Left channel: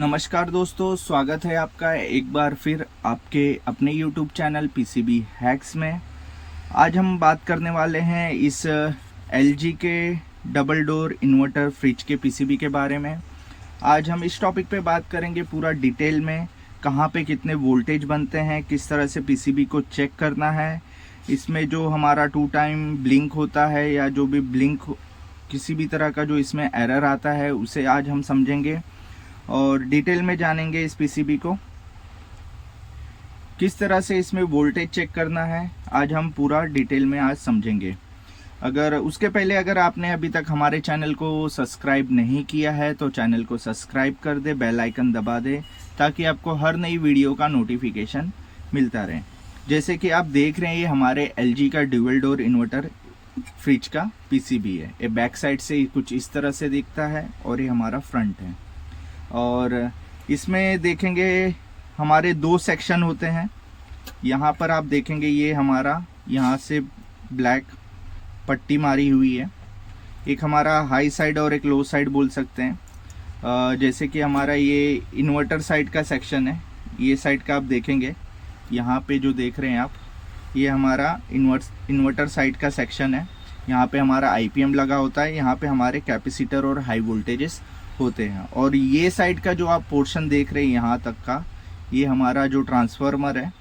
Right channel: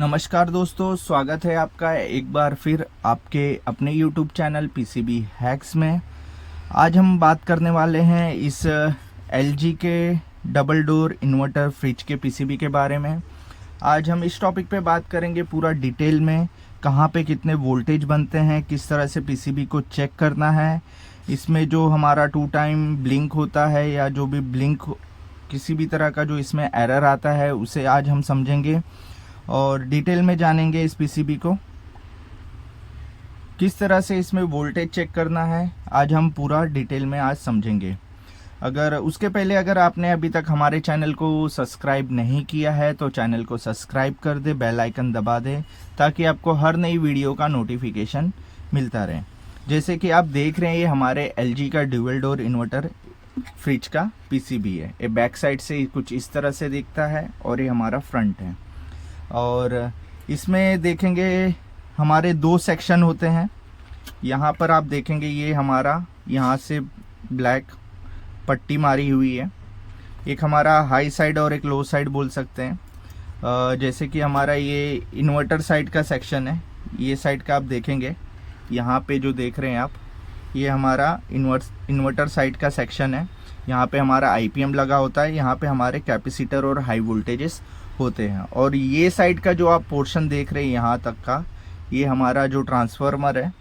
नमस्कार दोस्तों, स्वागत है आपका एक बार फिर आपके अपने YouTube चैनल पीसीबी हैक्स में। आज हम बात करने वाले हैं इस LG के डबल डोर इन्वर्टर फ्रिज के पीसीबी के बारे में। आज हम इस टॉपिक पे बात करेंगे पूरा डिटेल में, कहाँ पे कितने वोल्टेज बनते हैं, किस तरह से पीसीबी को चेक करना है, इसमें जो हमारा 2 टाइम ब्लिंक होता है या जो भी ब्लिंक किसी भी तरह का जो इसमें एरर आता है उसे आज हम समझेंगे और डिटेल में जानेंगे इस पीसीबी को किस तरह से इसमें वोल्टेज चेक करना है। आज हम पूरा डिटेल में आज समझेंगे। अगर आपने अभी तक हमारे चैनल को सब्सक्राइब नहीं किया है तो चैनल को सब्सक्राइब कर दे, बेल आइकन दबा दे ताकि आपको हर नई वीडियो का नोटिफिकेशन मिलता रहे। जैसे कि आप देख रहे हैं, ये हमारे LG का ड्यूअल डोर इन्वर्टर फ्रिज का पीसीबी है। ये बैक साइड से कुछ इस तरह से दिखता है और ये हमारा फ्रंट है। और इसमें देखेंगे हमारे 2 सेक्शन होते हैं। यहाँ पर आप देखेंगे ये हमारा यहाँ से ब्लैक पट्टी मारी हुई है। एक हमारा हाई साइड और एक लो साइड बोल सकते हैं। जैसे कि हमारा ये इन्वर्टर साइड का सेक्शन है। ये साइड का आप देखेंगे, यहाँ पे जो देख रहे हैं आप, ये हमारा इन्वर्टर साइड का सेक्शन है। यहाँ पे हमारा IPM लगा होता है, यहाँ पे हमारे कैपेसिटर और हाई वोल्टेजेस होते हैं। और ये साइड का जो आप पोर्शन देख रहे हैं यहाँ तक का, ये हमारा जो ट्रांसफार्मर है,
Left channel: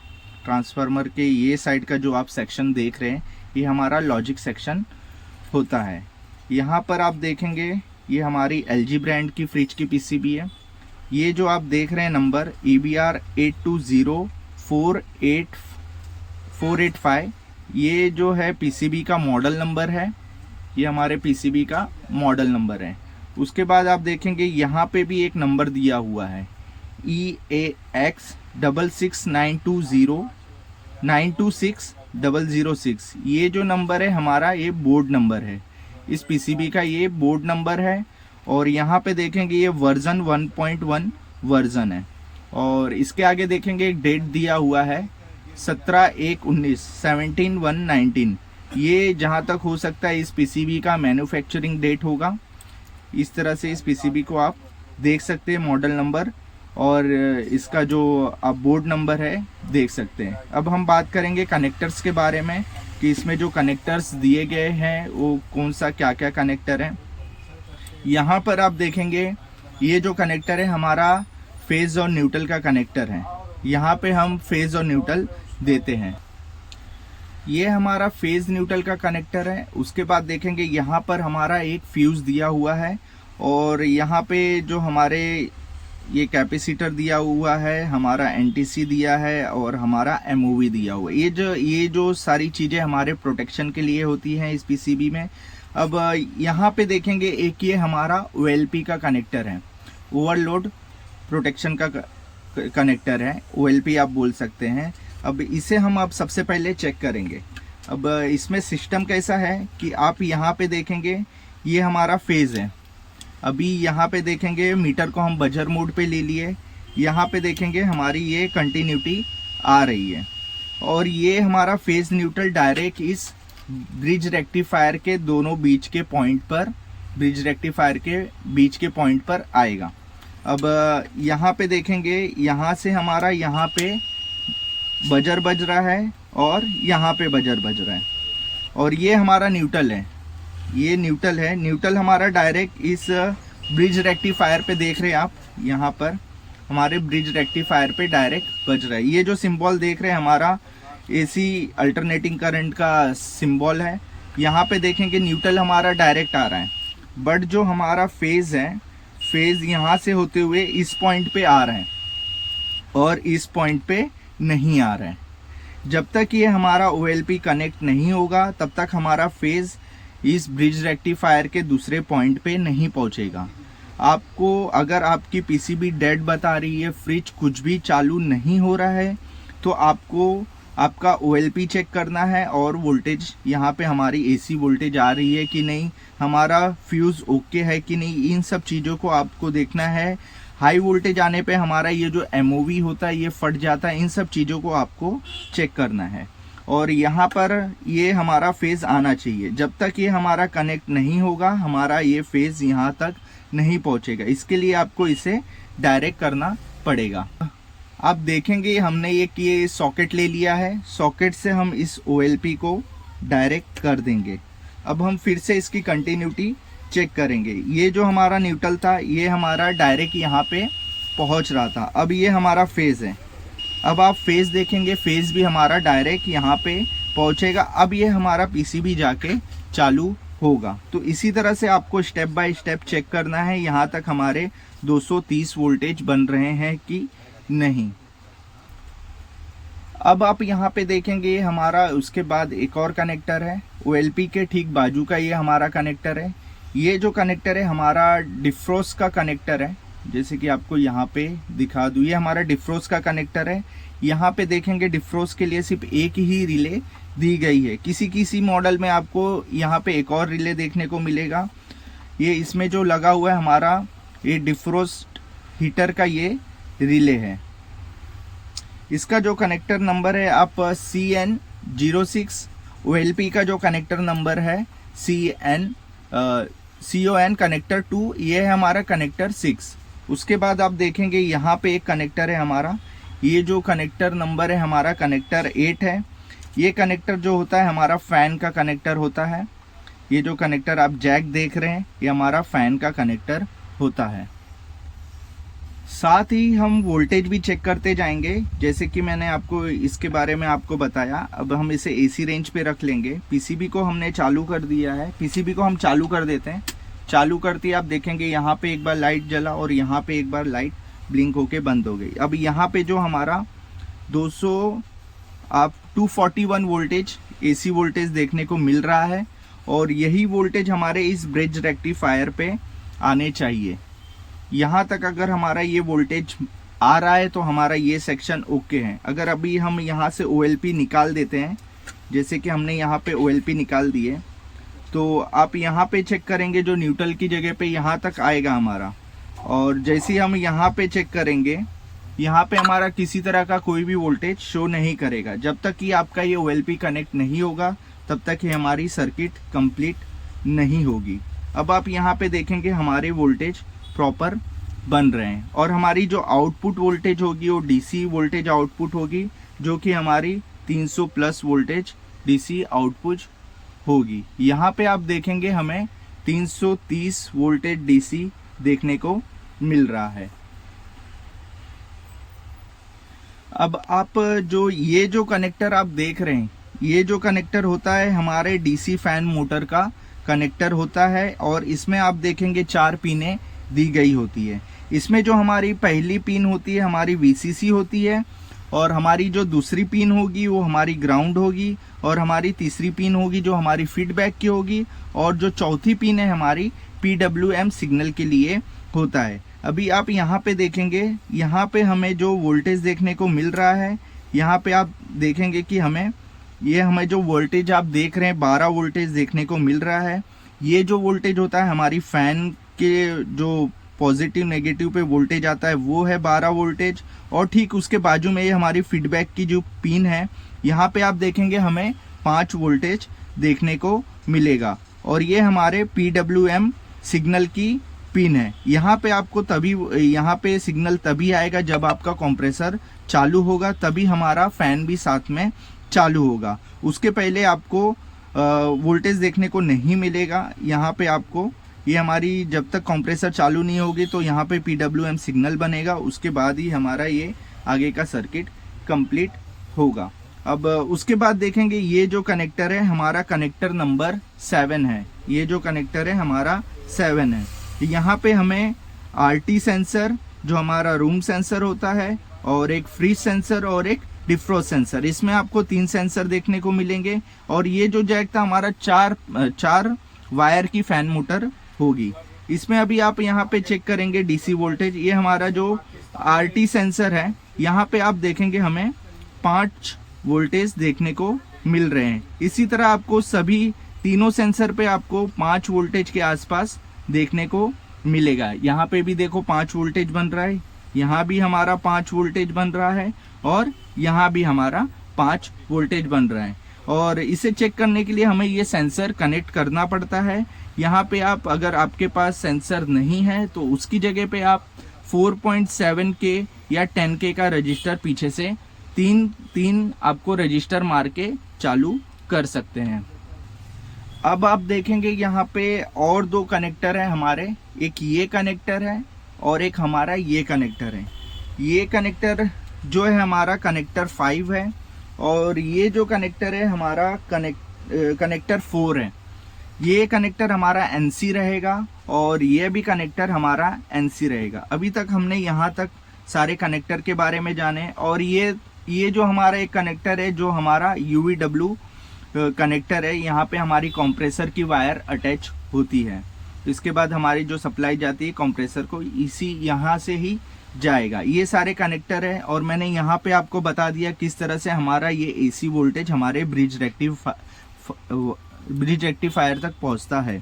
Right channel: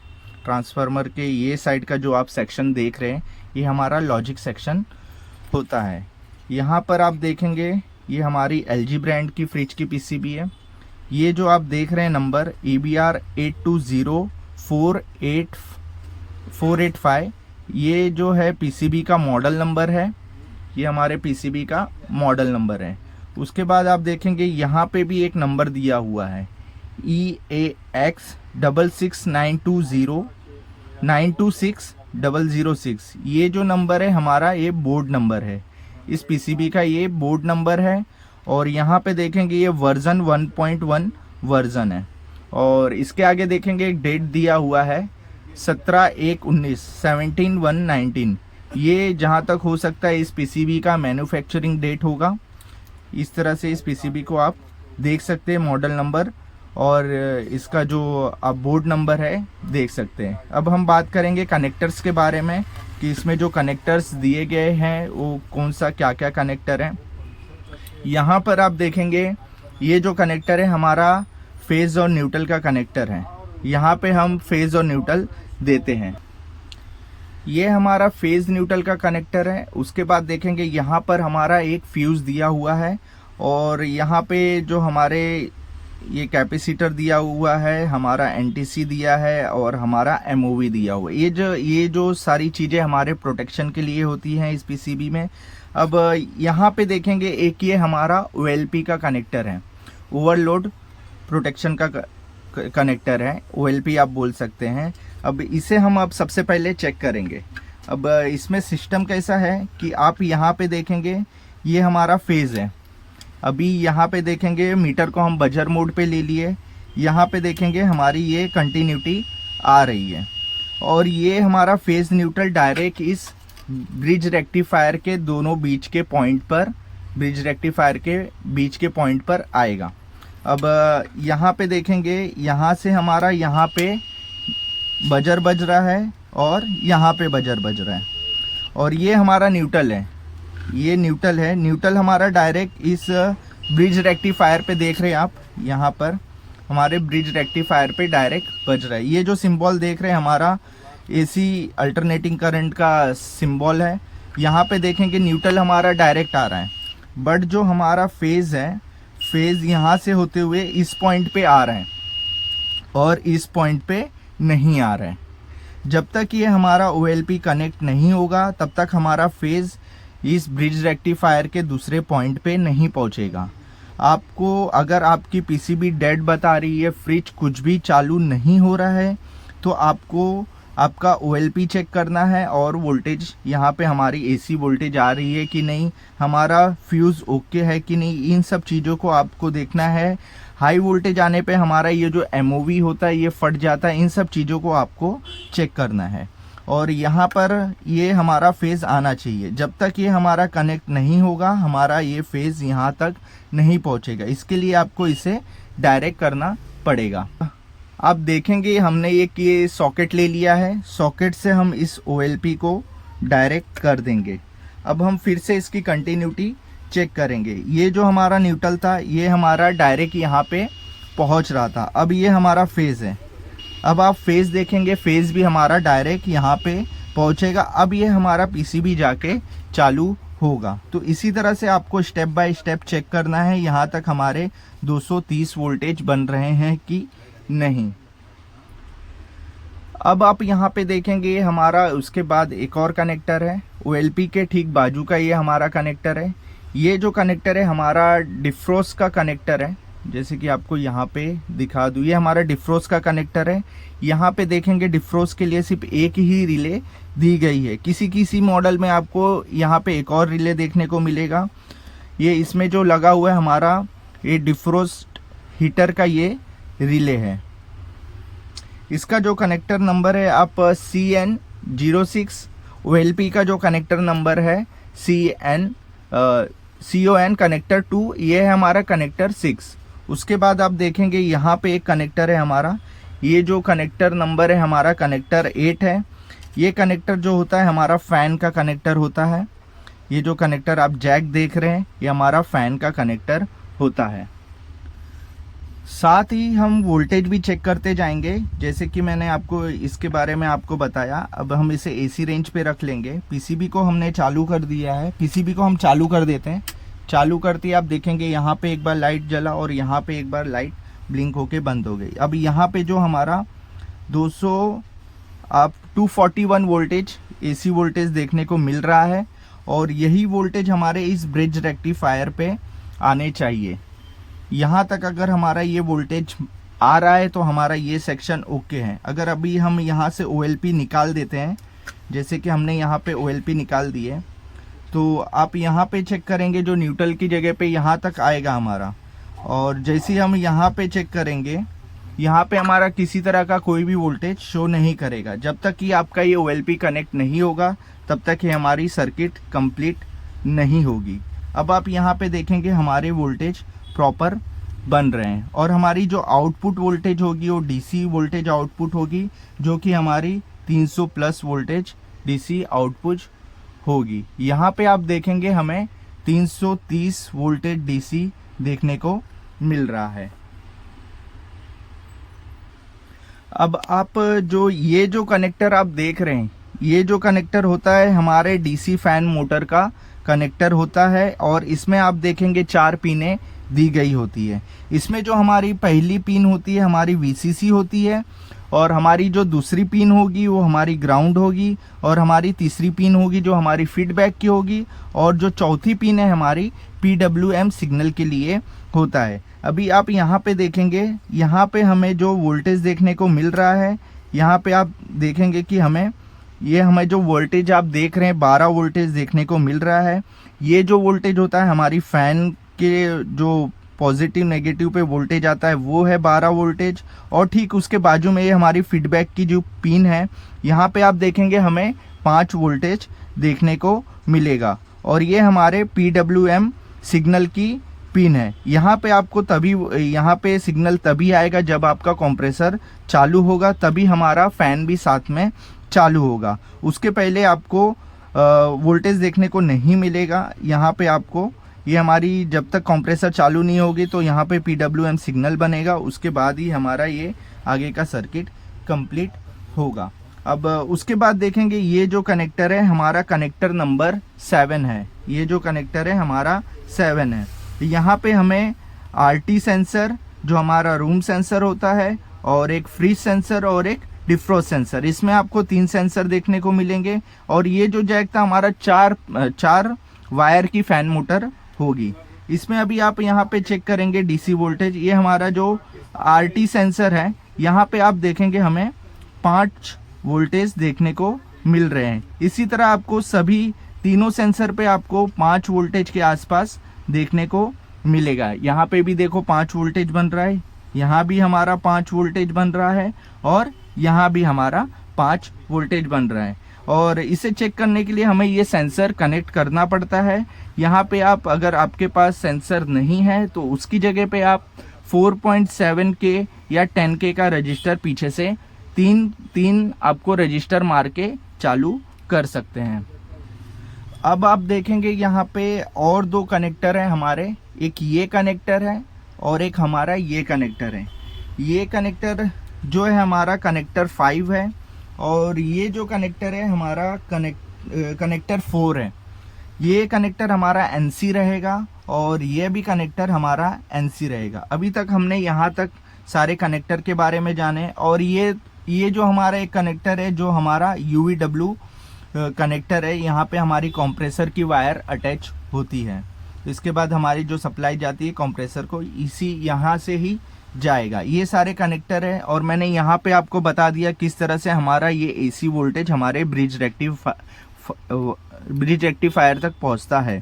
ट्रांसफार्मर के ये साइड का जो आप सेक्शन देख रहे हैं, ये हमारा लॉजिक सेक्शन होता है। यहाँ पर आप देखेंगे ये हमारी LG ब्रांड की फ्रिज की पीसीबी है। ये जो आप देख रहे हैं नंबर EBR 820485, ये जो है पीसीबी का मॉडल नंबर है। ये हमारे पीसीबी का मॉडल नंबर है। उसके बाद आप देखेंगे यहाँ पे भी एक नंबर दिया हुआ है EAX 66920926006। ये जो नंबर है हमारा, ये बोर्ड नंबर है इस पीसीबी का, ये बोर्ड नंबर है। और यहाँ पे देखेंगे ये वर्जन 1.1 वर्जन है। और इसके आगे देखेंगे एक डेट दिया हुआ है 17/1/19 ये जहाँ तक हो सकता है इस पीसीबी का मैन्युफैक्चरिंग डेट होगा। इस तरह से इस पीसीबी को आप देख सकते हैं, मॉडल नंबर और इसका जो आप बोर्ड नंबर है देख सकते हैं। अब हम बात करेंगे कनेक्टर्स के बारे में कि इसमें जो कनेक्टर्स दिए गए हैं वो कौन सा क्या क्या कनेक्टर है। यहाँ पर आप देखेंगे ये जो कनेक्टर है हमारा फेज और न्यूट्रल का कनेक्टर है। यहाँ पे हम फेज और न्यूट्रल देते हैं। ये हमारा फेज न्यूट्रल का कनेक्टर है। उसके बाद देखेंगे यहाँ पर हमारा एक फ्यूज दिया हुआ है और यहाँ पे जो हमारे ये कैपेसिटर दिया हुआ है, हमारा NTC दिया है और हमारा MOV दिया हुआ है। ये जो सारी चीज़ें हमारे प्रोटेक्शन के लिए होती हैं इस पीसीबी में। अब यहाँ पे देखेंगे एक ये हमारा OLP का कनेक्टर है, ओवरलोड प्रोटेक्शन का कनेक्टर है, OLP आप बोल सकते हैं। अब इसे हम अब सबसे पहले चेक करेंगे। अब इसमें सिस्टम कैसा है कि आप यहाँ पे देखेंगे ये हमारा फेज है। अभी यहाँ पे देखेंगे मीटर को हम बजर मोड पे ले लिए। यहाँ पे देखेंगे हमारी ये कंटिन्यूटी आ रही है और ये हमारा फेज न्यूट्रल डायरेक्ट इस ब्रिज रेक्टिफायर के दोनों बीच के पॉइंट पर, ब्रिज रेक्टिफायर के बीच के पॉइंट पर आएगा। अब यहाँ पे देखेंगे यहाँ से हमारा यहाँ पे बजर बज रहा है और यहाँ पे बजर बज रहा है और ये हमारा न्यूट्रल है, ये न्यूट्रल है। न्यूट्रल हमारा डायरेक्ट इस ब्रिज रेक्टिफायर पे देख रहे हैं आप, यहाँ पर हमारे ब्रिज रेक्टिफायर पे डायरेक्ट बज रहा है। ये जो सिंबल देख रहे हैं हमारा AC अल्टरनेटिंग करंट का सिंबल है। यहाँ पे देखेंगे न्यूट्रल हमारा डायरेक्ट आ रहा है, बट जो हमारा फेज है, फेज यहाँ से होते हुए इस पॉइंट पे आ रहा है और इस पॉइंट पे नहीं आ रहा है। जब तक ये हमारा OLP कनेक्ट नहीं होगा तब तक हमारा फेज इस ब्रिज रेक्टिफायर के दूसरे पॉइंट पे नहीं पहुंचेगा। आपको अगर आपकी पीसीबी डेड बता रही है, फ्रिज कुछ भी चालू नहीं हो रहा है, तो आपको आपका OLP चेक करना है और वोल्टेज यहाँ पे हमारी AC वोल्टेज आ रही है कि नहीं, हमारा फ्यूज ओके है कि नहीं, इन सब चीज़ों को आपको देखना है। हाई वोल्टेज आने पे हमारा ये जो MOV होता है ये फट जाता है। इन सब चीज़ों को आपको चेक करना है। और यहाँ पर ये हमारा फेज आना चाहिए। जब तक ये हमारा कनेक्ट नहीं होगा हमारा ये फेज यहाँ तक नहीं पहुँचेगा। इसके लिए आपको इसे डायरेक्ट करना पड़ेगा। आप देखेंगे हमने ये सॉकेट ले लिया है, सॉकेट से हम इस OLP को डायरेक्ट कर देंगे। अब हम फिर से इसकी कंटिन्यूटी चेक करेंगे। ये जो हमारा न्यूट्रल था ये हमारा डायरेक्ट यहाँ पे पहुँच रहा था। अब ये हमारा फेज है, अब आप फेज देखेंगे, फेज भी हमारा डायरेक्ट यहाँ पे पहुँचेगा। अब ये हमारा PCB जाके चालू होगा। तो इसी तरह से आपको स्टेप बाय स्टेप चेक करना है यहाँ तक हमारे 230 वोल्टेज बन रहे हैं कि नहीं। अब आप यहाँ पे देखेंगे हमारा उसके बाद एक और कनेक्टर है OLP के ठीक बाजू का, ये हमारा कनेक्टर है। ये जो कनेक्टर है हमारा डिफ्रोस का कनेक्टर है, जैसे कि आपको यहाँ पे दिखा दूँ, ये हमारा डिफ्रोस का कनेक्टर है। यहाँ पे देखेंगे डिफ्रोस के लिए सिर्फ एक ही रिले दी गई है। किसी किसी मॉडल में आपको यहाँ पे एक और रिले देखने को मिलेगा। ये इसमें जो लगा हुआ है हमारा ये डिफ्रोस्ट हीटर का ये रिले है। इसका जो कनेक्टर नंबर है आप CN06, OLP का जो कनेक्टर नंबर है CON कनेक्टर 2, ये है हमारा कनेक्टर 6। उसके बाद आप देखेंगे यहाँ पे एक कनेक्टर है हमारा, ये जो कनेक्टर नंबर है हमारा कनेक्टर 8 है। ये कनेक्टर जो होता है हमारा फैन का कनेक्टर होता है। ये जो कनेक्टर आप जैक देख रहे हैं ये हमारा फैन का कनेक्टर होता है। साथ ही हम वोल्टेज भी चेक करते जाएंगे, जैसे कि मैंने आपको इसके बारे में आपको बताया। अब हम इसे AC रेंज पे रख लेंगे। PCB को हमने चालू कर दिया है, PCB को हम चालू कर देते हैं। चालू करते ही आप देखेंगे यहाँ पे एक बार लाइट जला और यहाँ पे एक बार लाइट ब्लिंक होके बंद हो गई। अब यहाँ पे जो हमारा 241 वोल्टेज AC वोल्टेज देखने को मिल रहा है और यही वोल्टेज हमारे इस ब्रिज रेक्टिफायर पे आने चाहिए। यहाँ तक अगर हमारा ये वोल्टेज आ रहा है तो हमारा ये सेक्शन ओके है। अगर अभी हम यहाँ से OLP निकाल देते हैं, जैसे कि हमने यहाँ पे OLP निकाल दिए, तो आप यहाँ पे चेक करेंगे जो न्यूट्रल की जगह पे यहाँ तक आएगा हमारा। और जैसे ही हम यहाँ पे चेक करेंगे, यहाँ पे हमारा किसी तरह का कोई भी वोल्टेज शो नहीं करेगा। जब तक कि आपका ये OLP कनेक्ट नहीं होगा तब तक ये हमारी सर्किट कंप्लीट नहीं होगी। अब आप यहाँ पे देखेंगे हमारे वोल्टेज प्रॉपर बन रहे हैं और हमारी जो आउटपुट वोल्टेज होगी वो DC वोल्टेज आउटपुट होगी, जो कि हमारी 300 प्लस वोल्टेज DC आउटपुट होगी। यहाँ पे आप देखेंगे हमें 330 वोल्टेज DC देखने को मिल रहा है। अब आप ये जो कनेक्टर आप देख रहे हैं, ये जो कनेक्टर होता है हमारे DC फैन मोटर का कनेक्टर होता है और इसमें आप देखेंगे 4 पिनें दी गई होती है। इसमें जो हमारी पहली पिन होती है हमारी VCC होती है और हमारी जो दूसरी पिन होगी वो हमारी ग्राउंड होगी और हमारी तीसरी पिन होगी जो हमारी फीडबैक की होगी और जो चौथी पिन है हमारी PWM सिग्नल के लिए होता है। अभी आप यहाँ पे देखेंगे, यहाँ पे हमें जो वोल्टेज देखने को मिल रहा है, यहाँ पे आप देखेंगे कि हमें जो वोल्टेज आप देख रहे हैं 12 वोल्टेज देखने को मिल रहा है। ये जो वोल्टेज होता है हमारी फैन के जो पॉजिटिव नेगेटिव पे वोल्टेज आता है वो है 12 वोल्टेज और ठीक उसके बाजू में ये हमारी फीडबैक की जो पिन है, यहाँ पे आप देखेंगे हमें 5 वोल्टेज देखने को मिलेगा और ये हमारे PWM सिग्नल की पिन है। यहाँ पे आपको यहाँ पे सिग्नल तभी आएगा जब आपका कंप्रेसर चालू होगा, तभी हमारा फैन भी साथ में चालू होगा। उसके पहले आपको वोल्टेज देखने को नहीं मिलेगा। यहाँ पे आपको ये हमारी जब तक कंप्रेसर चालू नहीं होगी तो यहाँ पे PWM सिग्नल बनेगा, उसके बाद ही हमारा ये आगे का सर्किट कंप्लीट होगा। अब उसके बाद देखेंगे ये जो कनेक्टर है हमारा कनेक्टर नंबर 7 है। ये जो कनेक्टर है हमारा 7 है। यहाँ पे हमें RT सेंसर जो हमारा रूम सेंसर होता है और एक फ्रीज सेंसर और एक डिफ्रोस्ट सेंसर, इसमें आपको 3 सेंसर देखने को मिलेंगे। और ये जो जैक था हमारा 4 वायर की फैन मोटर होगी। इसमें अभी आप यहाँ पे चेक करेंगे DC वोल्टेज, ये हमारा जो RT सेंसर है यहाँ पे आप देखेंगे हमें 5 वोल्टेज देखने को मिल रहे हैं। इसी तरह आपको सभी तीनों सेंसर पे आपको 5 वोल्टेज के आसपास देखने को मिलेगा। यहाँ पे भी देखो 5 वोल्टेज बन रहा है, यहाँ भी हमारा 5 वोल्टेज बन रहा है और यहाँ भी हमारा 5 वोल्टेज बन रहा है। और इसे चेक करने के लिए हमें ये सेंसर कनेक्ट करना पड़ता है। यहाँ पे आप अगर आपके पास सेंसर नहीं है तो उसकी जगह पे आप 4.7K या 10K का रजिस्टर पीछे से तीन आपको रजिस्टर मार के चालू कर सकते हैं। अब आप देखेंगे यहाँ पे और दो कनेक्टर है हमारे, एक ये कनेक्टर है और एक हमारा ये कनेक्टर है। ये कनेक्टर जो है हमारा कनेक्टर 5 है और ये जो कनेक्टर है हमारा कनेक्टर 4 है। ये कनेक्टर हमारा NC रहेगा और ये भी कनेक्टर हमारा NC रहेगा। अभी तक हमने यहाँ तक सारे कनेक्टर के बारे में जाने। और ये जो हमारा एक कनेक्टर है जो हमारा UVW कनेक्टर है, यहाँ पे हमारी कंप्रेसर की वायर अटैच होती है। इसके बाद हमारी जो सप्लाई जाती है कंप्रेसर को, इसी यहाँ से ही जाएगा। ये सारे कनेक्टर है और मैंने यहाँ पे आपको बता दिया किस तरह से हमारा ये AC वोल्टेज हमारे ब्रिज रेक्टिफायर तक पहुँचता है।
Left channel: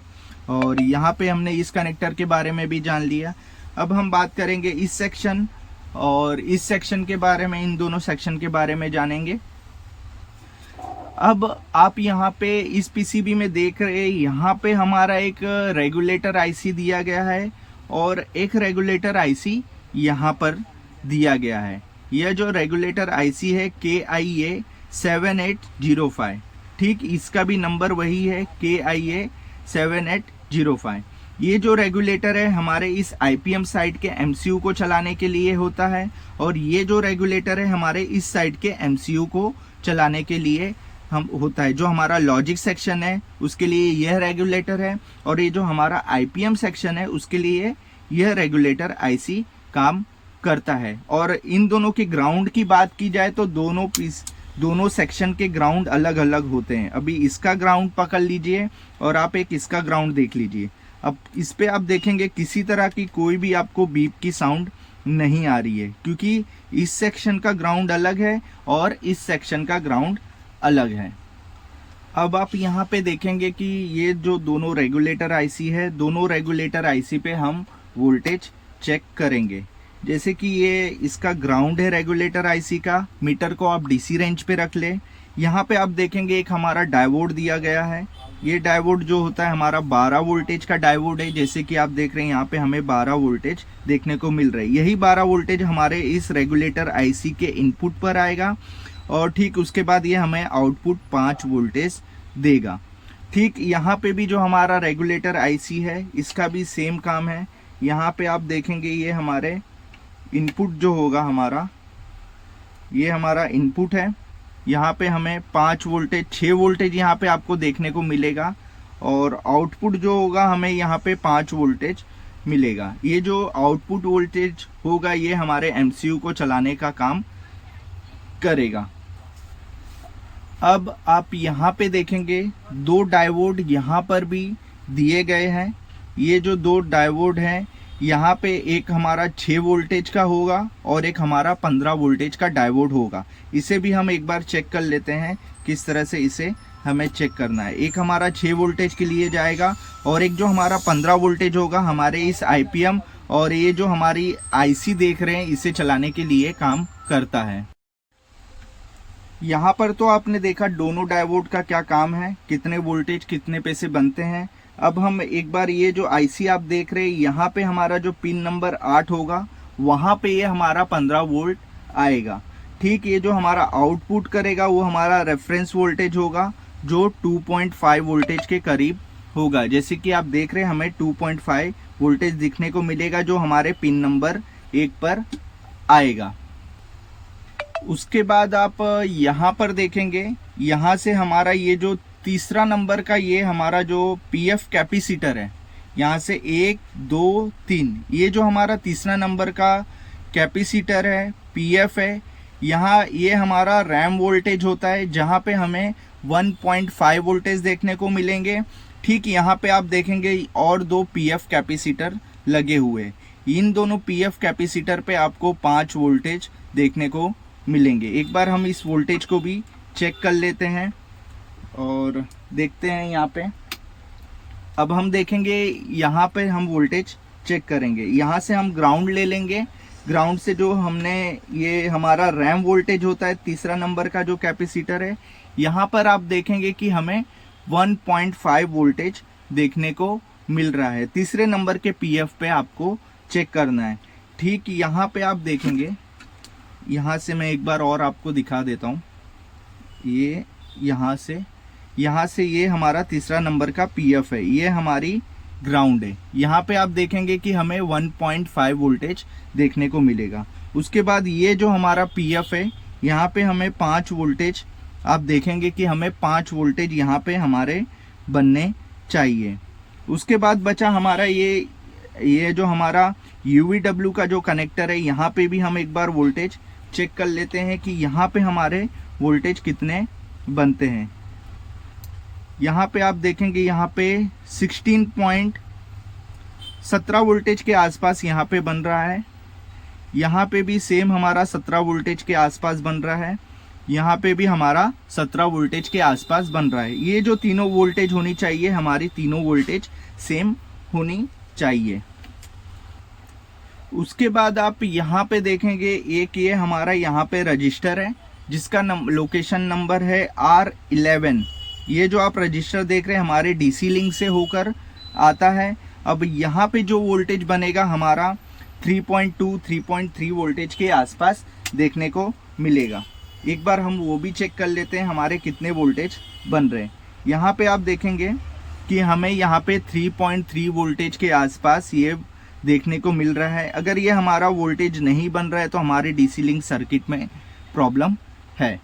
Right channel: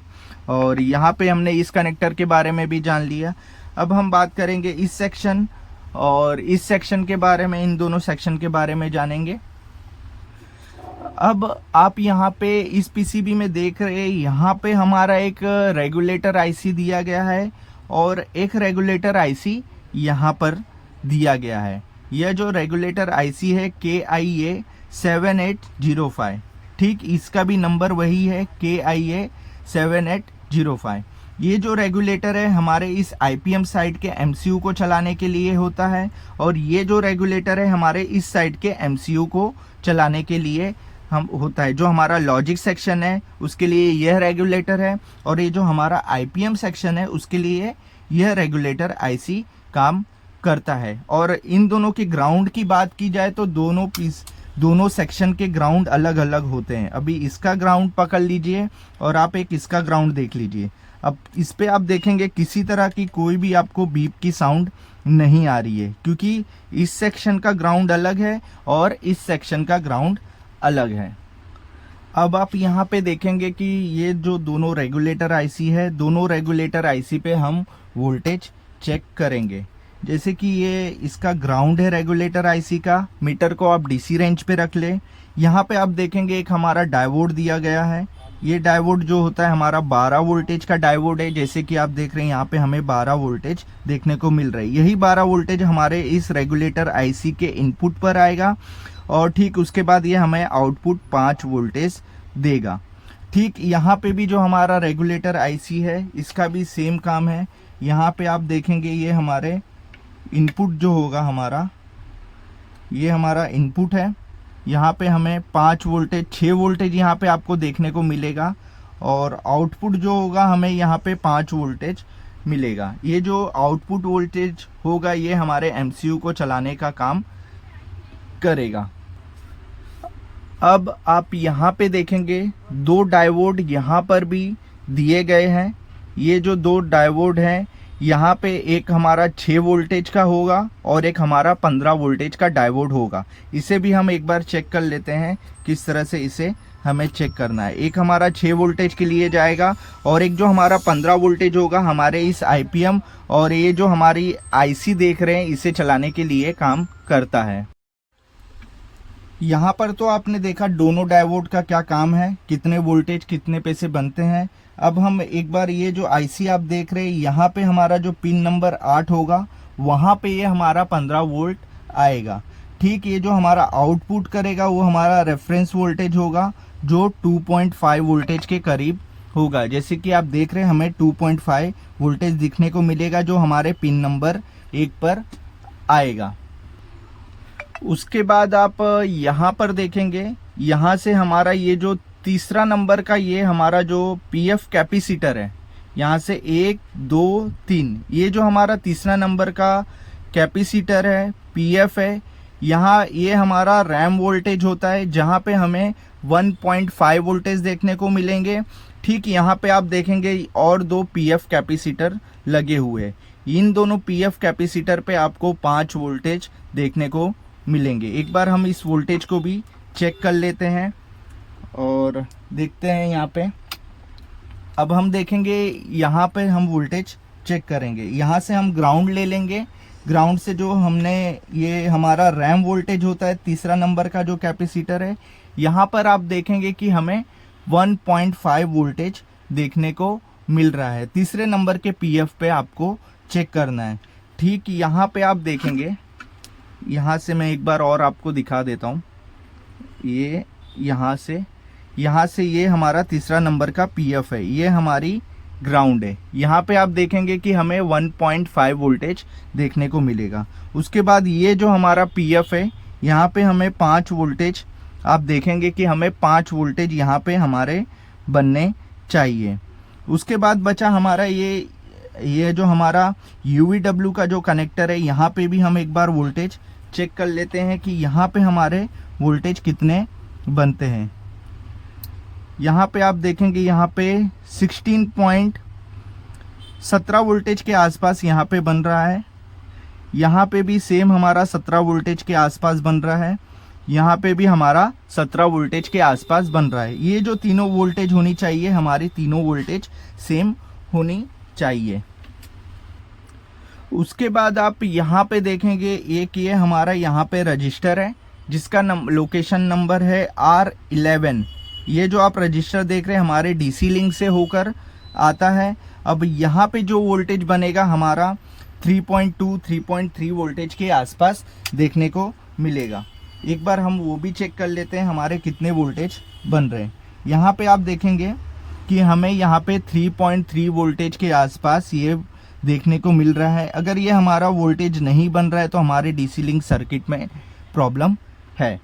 और यहाँ पे हमने इस कनेक्टर के बारे में भी जान लिया। अब हम बात करेंगे इस सेक्शन और इस सेक्शन के बारे में, इन दोनों सेक्शन के बारे में जानेंगे। अब आप यहाँ पे इस PCB में देख रहे हैं, यहाँ पे हमारा एक रेगुलेटर IC दिया गया है और एक रेगुलेटर IC यहाँ पर दिया गया है। यह जो रेगुलेटर IC है KIA 7805, ठीक इसका भी नंबर वही है KIA 7805। ये जो रेगुलेटर है हमारे इस IPM साइड के MCU को चलाने के लिए होता है और ये जो रेगुलेटर है हमारे इस साइड के MCU को चलाने के लिए होता है। जो हमारा लॉजिक सेक्शन है उसके लिए यह रेगुलेटर है और ये जो हमारा IPM सेक्शन है उसके लिए यह रेगुलेटर IC काम करता है। और इन दोनों के ग्राउंड की बात की जाए तो दोनों सेक्शन के ग्राउंड अलग अलग होते हैं। अभी इसका ग्राउंड पकड़ लीजिए और आप एक इसका ग्राउंड देख लीजिए। अब इस पे आप देखेंगे किसी तरह की कोई भी आपको बीप की साउंड नहीं आ रही है, क्योंकि इस सेक्शन का ग्राउंड अलग है और इस सेक्शन का ग्राउंड अलग है। अब आप यहाँ पे देखेंगे कि ये जो दोनों रेगुलेटर IC है, दोनों रेगुलेटर IC पे हम वोल्टेज चेक करेंगे। जैसे कि ये इसका ग्राउंड है रेगुलेटर IC का, मीटर को आप DC रेंज पे रख ले। यहाँ पे आप देखेंगे एक हमारा डायोड दिया गया है। ये डायोड जो होता है हमारा 12 वोल्टेज का डायोड है। जैसे कि आप देख रहे हैं यहाँ पे हमें 12 वोल्टेज देखने को मिल रहा है। यही 12 वोल्टेज हमारे इस रेगुलेटर IC के इनपुट पर आएगा और ठीक उसके बाद ये हमें आउटपुट 5 वोल्टेज देगा। ठीक यहाँ पे भी जो हमारा रेगुलेटर IC है इसका भी सेम काम है। यहाँ पे आप देखेंगे ये हमारे इनपुट जो होगा हमारा, ये हमारा इनपुट है। यहाँ पे हमें 5 वोल्टेज 6 वोल्टेज यहाँ पे आपको देखने को मिलेगा और आउटपुट जो होगा हमें यहाँ पे 5 वोल्टेज मिलेगा। ये जो आउटपुट वोल्टेज होगा ये हमारे MCU को चलाने का काम करेगा। अब आप यहाँ पे देखेंगे 2 डायोड यहाँ पर भी दिए गए हैं। ये जो 2 डायोड हैं यहाँ पे एक हमारा 6 वोल्टेज का होगा और एक हमारा 15 वोल्टेज का डायोड होगा। इसे भी हम एक बार चेक कर लेते हैं किस तरह से इसे हमें चेक करना है। एक हमारा 6 वोल्टेज के लिए जाएगा और एक जो हमारा 15 वोल्टेज होगा हमारे इस IPM और ये जो हमारी IC देख रहे हैं इसे चलाने के लिए काम करता है। यहाँ पर तो आपने देखा दोनों डायोड का क्या काम है, कितने वोल्टेज कितने पैसे बनते हैं। अब हम एक बार ये जो IC आप देख रहे हैं यहाँ पे हमारा जो पिन नंबर 8 होगा वहाँ पे ये हमारा 15 वोल्ट आएगा। ठीक, ये जो हमारा आउटपुट करेगा वो हमारा रेफरेंस वोल्टेज होगा जो 2.5 वोल्टेज के करीब होगा। जैसे कि आप देख रहे हैं हमें 2.5 वोल्टेज दिखने को मिलेगा जो हमारे पिन नंबर 1 पर आएगा। उसके बाद आप यहाँ पर देखेंगे, यहाँ से हमारा ये जो तीसरा नंबर का ये हमारा जो PF कैपेसिटर है, यहाँ से 1 2 3, ये जो हमारा तीसरा नंबर का कैपेसिटर है PF है, यहाँ ये हमारा रैम वोल्टेज होता है जहाँ पे हमें 1.5 वोल्टेज देखने को मिलेंगे। ठीक यहाँ पे आप देखेंगे और 2 PF कैपेसिटर लगे हुए हैं। इन दोनों PF कैपेसिटर पे आपको 5 वोल्टेज देखने को मिलेंगे। एक बार हम इस वोल्टेज को भी चेक कर लेते हैं और देखते हैं यहाँ पे। अब हम देखेंगे यहाँ पे हम वोल्टेज चेक करेंगे। यहाँ से हम ग्राउंड ले लेंगे। ग्राउंड से जो हमने ये हमारा रैम वोल्टेज होता है तीसरा नंबर का जो कैपेसिटर है, यहाँ पर आप देखेंगे कि हमें 1.5 वोल्टेज देखने को मिल रहा है। तीसरे नंबर के PF पे आपको चेक करना है। ठीक यहाँ पे आप देखेंगे, यहाँ से मैं एक बार और आपको दिखा देता हूँ। ये यहाँ से ये हमारा तीसरा नंबर का पीएफ है, ये हमारी ग्राउंड है। यहाँ पे आप देखेंगे कि हमें 1.5 वोल्टेज देखने को मिलेगा। उसके बाद ये जो हमारा पीएफ है, यहाँ पे हमें 5 वोल्टेज, आप देखेंगे कि हमें 5 वोल्टेज यहाँ पे हमारे बनने चाहिए। उसके बाद बचा हमारा ये जो हमारा UVW का जो कनेक्टर है, यहाँ पे भी हम एक बार वोल्टेज चेक कर लेते हैं कि यहाँ पे हमारे वोल्टेज कितने बनते हैं। यहाँ पे आप देखेंगे, यहाँ पे 16.17 वोल्टेज के आसपास यहाँ पे बन रहा है। यहाँ पे भी सेम हमारा 17 वोल्टेज के आसपास बन रहा है। यहाँ पे भी हमारा 17 वोल्टेज के आसपास बन रहा है। ये जो तीनों वोल्टेज होनी चाहिए, हमारी तीनों वोल्टेज सेम होनी चाहिए। उसके बाद आप यहाँ पे देखेंगे, एक ये हमारा यहाँ पे रजिस्टर है जिसका लोकेशन नंबर है R11। ये जो आप रजिस्टर देख रहे हैं हमारे डीसी लिंक से होकर आता है। अब यहाँ पे जो वोल्टेज बनेगा हमारा 3.2 3.3 वोल्टेज के आसपास देखने को मिलेगा। एक बार हम वो भी चेक कर लेते हैं हमारे कितने वोल्टेज बन रहे हैं। यहाँ पे आप देखेंगे कि हमें यहाँ पे 3.3 वोल्टेज के आसपास ये देखने को मिल रहा है। अगर ये हमारा वोल्टेज नहीं बन रहा है तो हमारे डीसी लिंक सर्किट में प्रॉब्लम है।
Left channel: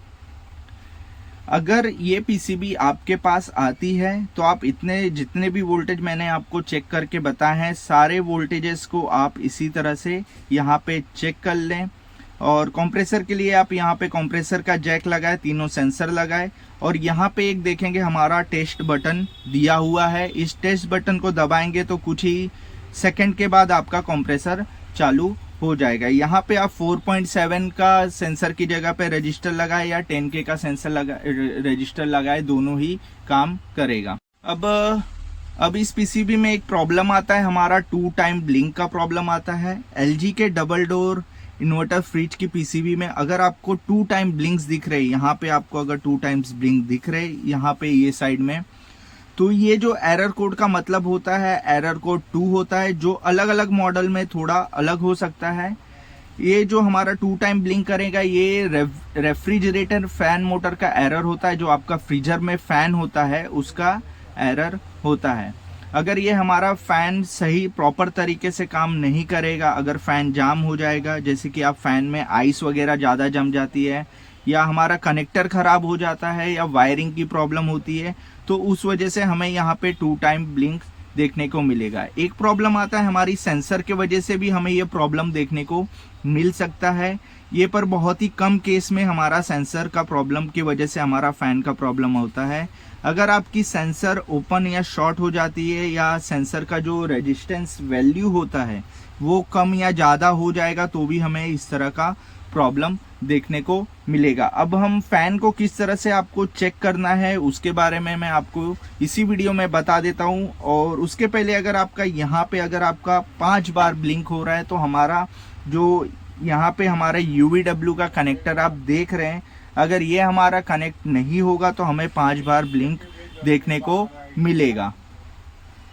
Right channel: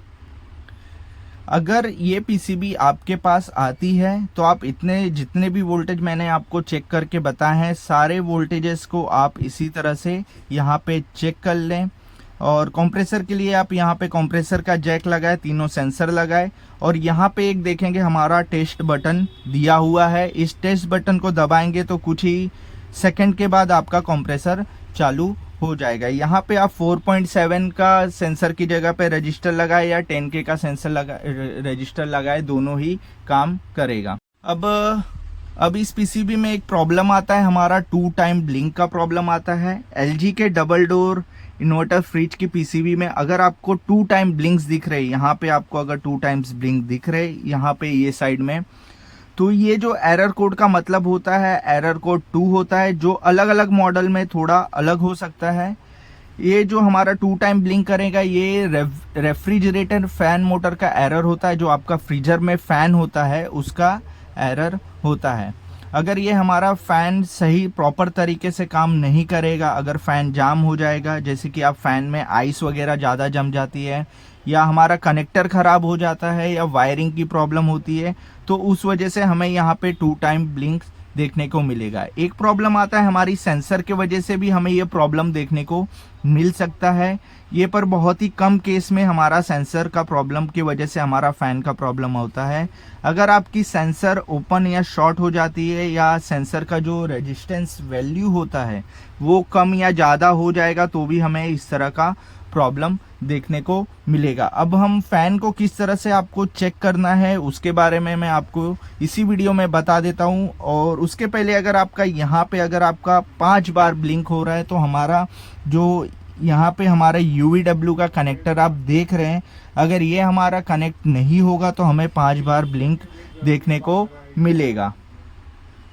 अगर ये पीसीबी आपके पास आती है तो आप जितने भी वोल्टेज मैंने आपको चेक करके बताए हैं, सारे वोल्टेजेस को आप इसी तरह से यहाँ पे चेक कर लें। और कंप्रेसर के लिए आप यहाँ पे कंप्रेसर का जैक लगाए, तीनों सेंसर लगाए, और यहाँ पे एक देखेंगे हमारा टेस्ट बटन दिया हुआ है। इस टेस्ट बटन को दबाएंगे तो कुछ ही सेकंड के बाद आपका कंप्रेसर चालू हो जाएगा। यहाँ पे आप 4.7 का सेंसर की जगह पे रजिस्टर लगाए या 10K का सेंसर रजिस्टर लगाए, दोनों ही काम करेगा। अब इस पीसीबी में एक प्रॉब्लम आता है, हमारा 2 टाइम ब्लिंक का प्रॉब्लम आता है। LG के डबल डोर इन्वर्टर फ्रिज की पीसीबी में अगर आपको 2 टाइम ब्लिंक्स दिख रहे, यहाँ पे आपको अगर 2 टाइम्स ब्लिंक दिख रहे, यहाँ पे ये साइड में, तो ये जो एरर कोड का मतलब होता है, एरर कोड 2 होता है, जो अलग अलग मॉडल में थोड़ा अलग हो सकता है। ये जो हमारा 2 टाइम ब्लिंक करेगा, ये रेफ्रिजरेटर फैन मोटर का एरर होता है। जो आपका फ्रीजर में फैन होता है उसका एरर होता है। अगर ये हमारा फैन सही प्रॉपर तरीके से काम नहीं करेगा, अगर फैन जाम हो जाएगा, जैसे कि आप फैन में आइस वगैरह ज़्यादा जम जाती है, या हमारा कनेक्टर खराब हो जाता है, या वायरिंग की प्रॉब्लम होती है, तो उस वजह से हमें यहाँ पे 2 टाइम ब्लिंक देखने को मिलेगा। एक प्रॉब्लम आता है हमारी सेंसर के वजह से भी हमें ये प्रॉब्लम देखने को मिल सकता है। ये पर बहुत ही कम केस में हमारा सेंसर का प्रॉब्लम की वजह से हमारा फैन का प्रॉब्लम होता है। अगर आपकी सेंसर ओपन या शॉर्ट हो जाती है, या सेंसर का जो रेजिस्टेंस वैल्यू होता है वो कम या ज़्यादा हो जाएगा, तो भी हमें इस तरह का प्रॉब्लम देखने को मिलेगा। अब हम फैन को किस तरह से आपको चेक करना है उसके बारे में मैं आपको इसी वीडियो में बता देता हूं। और उसके पहले अगर आपका यहाँ पे अगर आपका 5 बार ब्लिंक हो रहा है, तो हमारा जो यहाँ पे हमारा UVW का कनेक्टर आप देख रहे हैं, अगर ये हमारा कनेक्ट नहीं होगा तो हमें 5 बार ब्लिंक देखने को मिलेगा।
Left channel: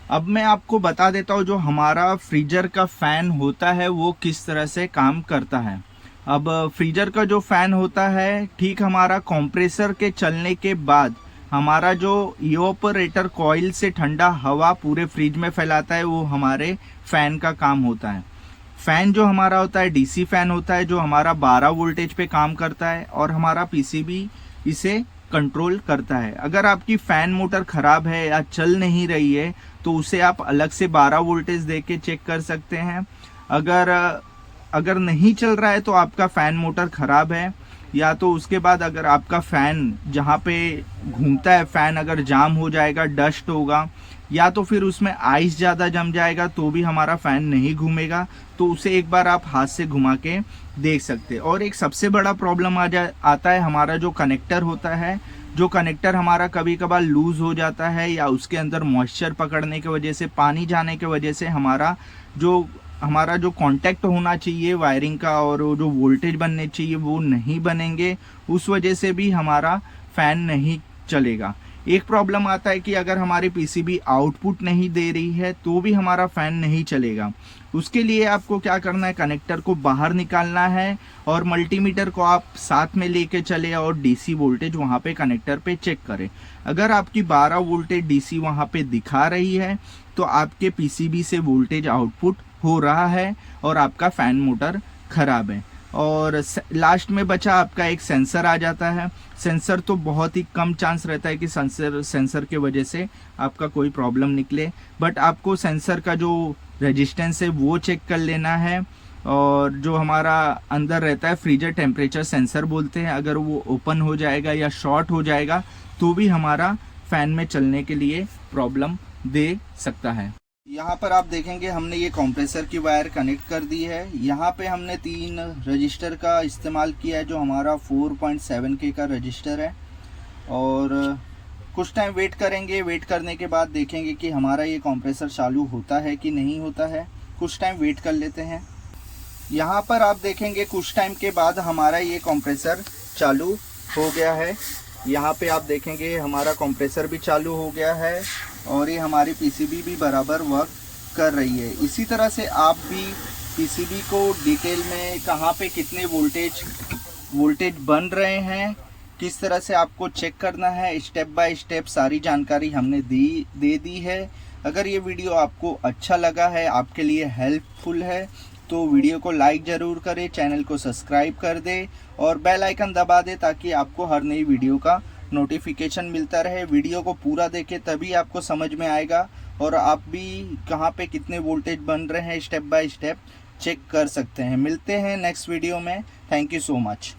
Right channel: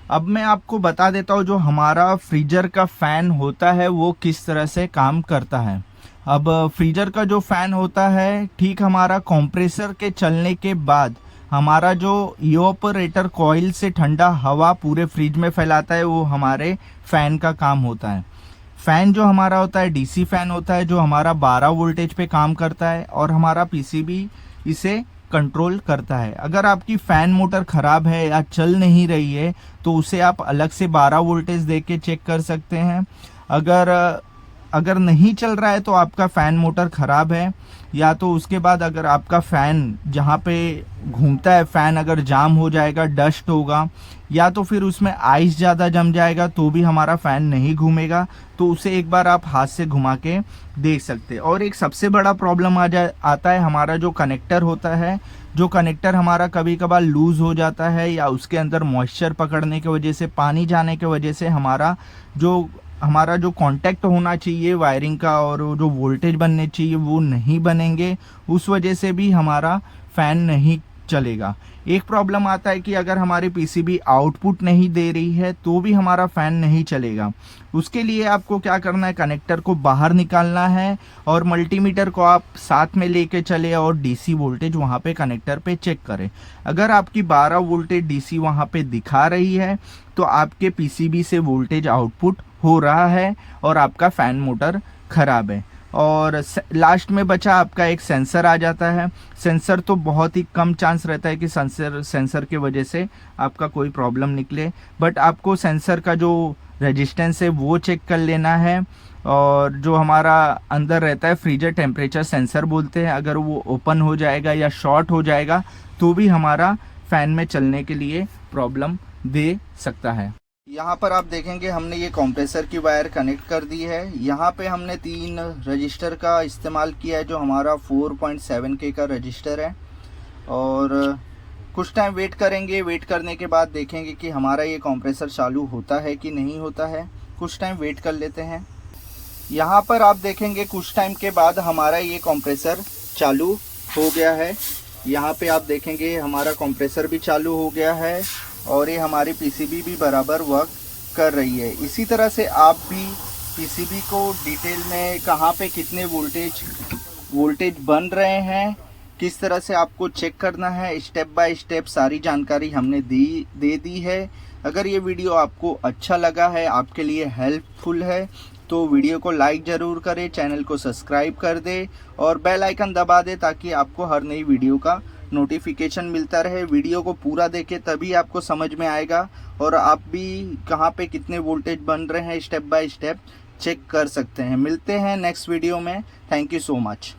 अब मैं आपको बता देता हूँ जो हमारा फ्रीजर का फैन होता है वो किस तरह से काम करता है। अब फ्रीजर का जो फैन होता है, ठीक हमारा कंप्रेसर के चलने के बाद हमारा जो इवापोरेटर कॉइल से ठंडा हवा पूरे फ्रिज में फैलाता है, वो हमारे फैन का काम होता है। फैन जो हमारा होता है डीसी फैन होता है, जो हमारा 12 वोल्टेज पे काम करता है, और हमारा पीसीबी इसे कंट्रोल करता है। अगर आपकी फैन मोटर खराब है या चल नहीं रही है तो उसे आप अलग से 12 वोल्टेज दे के चेक कर सकते हैं। अगर नहीं चल रहा है तो आपका फैन मोटर खराब है, या तो उसके बाद अगर आपका फैन जहाँ पे घूमता है फैन अगर जाम हो जाएगा, डस्ट होगा, या तो फिर उसमें आइस ज़्यादा जम जाएगा, तो भी हमारा फैन नहीं घूमेगा। तो उसे एक बार आप हाथ से घुमा के देख सकते हैं। और एक सबसे बड़ा प्रॉब्लम आता है हमारा जो कनेक्टर होता है, जो कनेक्टर हमारा कभी कभार लूज हो जाता है, या उसके अंदर मॉइस्चर पकड़ने की वजह से, पानी जाने की वजह से हमारा जो कांटेक्ट होना चाहिए वायरिंग का और जो वोल्टेज बनने चाहिए वो नहीं बनेंगे। उस वजह से भी हमारा फैन नहीं चलेगा। एक प्रॉब्लम आता है कि अगर हमारी पीसीबी आउटपुट नहीं दे रही है तो भी हमारा फैन नहीं चलेगा। उसके लिए आपको क्या करना है, कनेक्टर को बाहर निकालना है और मल्टीमीटर को आप साथ में लेके चले और डीसी वोल्टेज वहाँ पे कनेक्टर पे चेक करें। अगर आपकी 12 वोल्टेज डीसी वहाँ पे दिखा रही है तो आपके पीसीबी से वोल्टेज आउटपुट हो रहा है और आपका फैन मोटर खराब है। और लास्ट में बचा आपका एक सेंसर आ जाता है। सेंसर तो बहुत ही कम चांस रहता है कि सेंसर के वजह से आपका कोई प्रॉब्लम निकले, बट आपको सेंसर का जो रेजिस्टेंस है वो चेक कर लेना है। और जो हमारा अंदर रहता है फ्रीजर टेम्परेचर सेंसर बोलते हैं, अगर वो ओपन हो जाएगा या शॉर्ट हो जाएगा तो भी हमारा फैन में चलने के लिए प्रॉब्लम दे सकता है। यहाँ पर आप देखेंगे हमने ये कंप्रेसर की वायर कनेक्ट कर दी है। यहाँ पे हमने 3 रजिस्टर का इस्तेमाल किया है जो हमारा 4.7K का रजिस्टर है। और कुछ टाइम वेट करेंगे, वेट करने के बाद देखेंगे कि हमारा ये कंप्रेसर चालू होता है कि नहीं होता है। कुछ टाइम वेट कर लेते हैं। यहाँ पर आप देखेंगे कुछ टाइम के बाद हमारा ये कंप्रेसर चालू हो गया है। यहाँ पे आप देखेंगे हमारा कंप्रेसर भी चालू हो गया है और ये हमारी पीसीबी भी बराबर वर्क कर रही है। इसी तरह से आप भी पीसीबी को डिटेल में कहाँ पे कितने वोल्टेज बन रहे हैं, किस तरह से आपको चेक करना है, स्टेप बाय स्टेप सारी जानकारी हमने दे दी है। अगर ये वीडियो आपको अच्छा लगा है, आपके लिए हेल्पफुल है, तो वीडियो को लाइक ज़रूर करें, चैनल को सब्सक्राइब कर दे और बेल आइकन दबा दे ताकि आपको हर नई वीडियो का नोटिफिकेशन मिलता रहे। वीडियो को पूरा देखें तभी आपको समझ में आएगा और आप भी कहाँ पे कितने वोल्टेज बन रहे हैं स्टेप बाय स्टेप चेक कर सकते हैं। मिलते हैं नेक्स्ट वीडियो में। Thank you so much.